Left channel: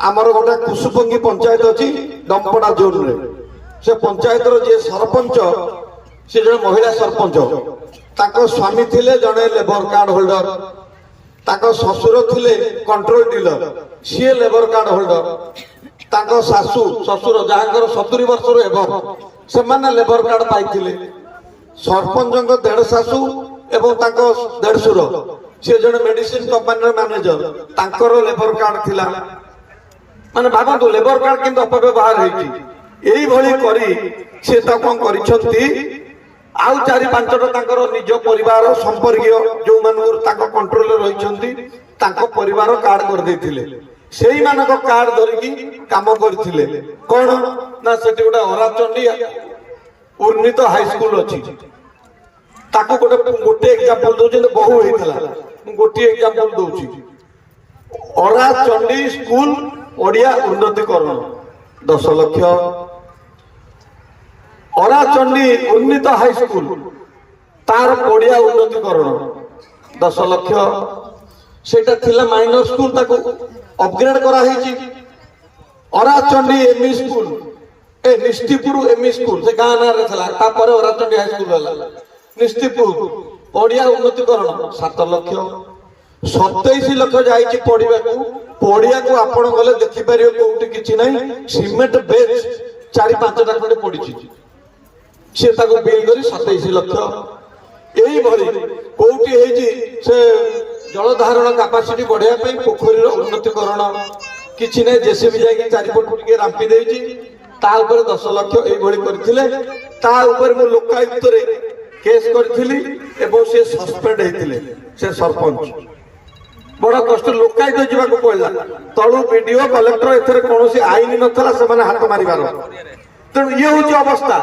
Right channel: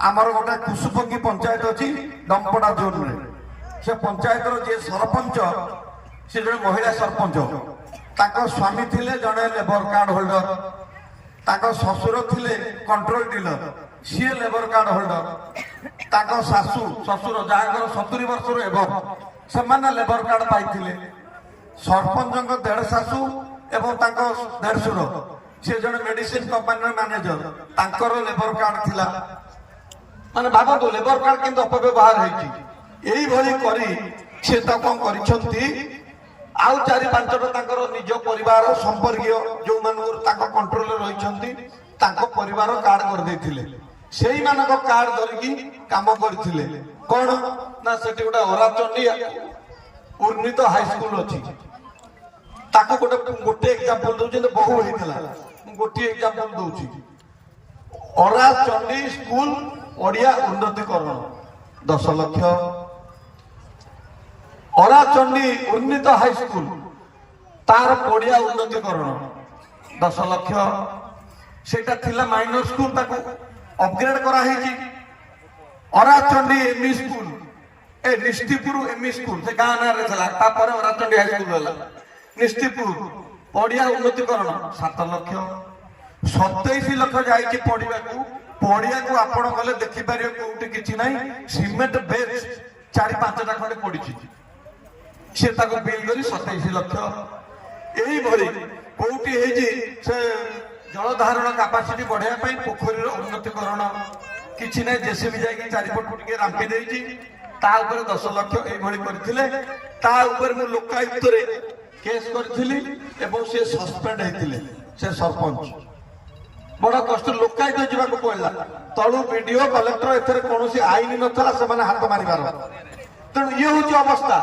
आमर गोटे कुसुपंगी पंचायत अच्छी डंपड़ा जोन रे से पंचायत जे सरपंच से जन महिला सरपंच ताको स्वामी थिले जने लेबर कार्ड होल्डर ताको ससुर थिले कंट्रोल डीलर सी लेबर कार्ड होल्डर ताको सासू ससुर जहांकर 70 वर्ष एवं से माने लेबर कार्ड पाइथिले सरपंच देढ़ सासू एवं ताको देढ़सुर से जन मेडिसिन कंपनी मैनेजर तांकर लेबर कार्ड थिला माने भाबंतु लेबर कार्ड किंतु अपव्यवहार होईची एई भली करी से ता कोन करिसंती आउ 4-5टा तांकर निज परिवार संपर्कीय जो मानकर ताको कंट्रोल रहिसंती ताको परिवार कार्ड कर देथिले सेही मानको कार्ड धरिकी काम करथिले कोन ना सेठी गोटा ओराचंडी उन्नीत हाई स्कूल अछि ताको गोटे एग्जांपल दोजे बहु हेतला गोटे एग्जांपल दोची ओराचंडी स्कूल ओडिया उन्नतिकरण 10 लाख ओराचंडी उन्नीत हाई स्कूल तार ओडिया उन्नतिकरण 10 लाख सेटा थिला माइनर स्कूल ताको अपग्रेड करा हेची ओराचंडी एमई स्कूल ए निष्ठिपुर एमई स्कूल से गाना रे थला ता पर ओराचंडी हाई स्कूल होला निष्ठिपुर ओडिया उन्नतिकरण 7 लाख 27 लाख जाई पढ़िबा को पड़िया को आपण गले देखि पारियो कोउटी किछि नाही सीमेंट बेच 4-5टा खंडे पडिछि से ताको बिल करी 27 लाख एई भरी कोउटी हेजी से जल धारण कैपेसिटी बढ़िया पई पोखरी रो उन्नतिकरण किछि नाही जेसीबी जाय कि 4 फुट टिके रांपी देइछि ता ऊपर 10 लाख एई भली करथिले ता ऊपर मो लोकायुक्त रे केस करथिली एवं से सस्पेंड हेतिले से सरपंच बड़ा कष्ट लोकायुक्त जीवाक पड़ा तलू वीडियो कलेक्टर एथरे कौन आईन नथला से हाथ मारिबार तेणु ये हूँ अवस्था।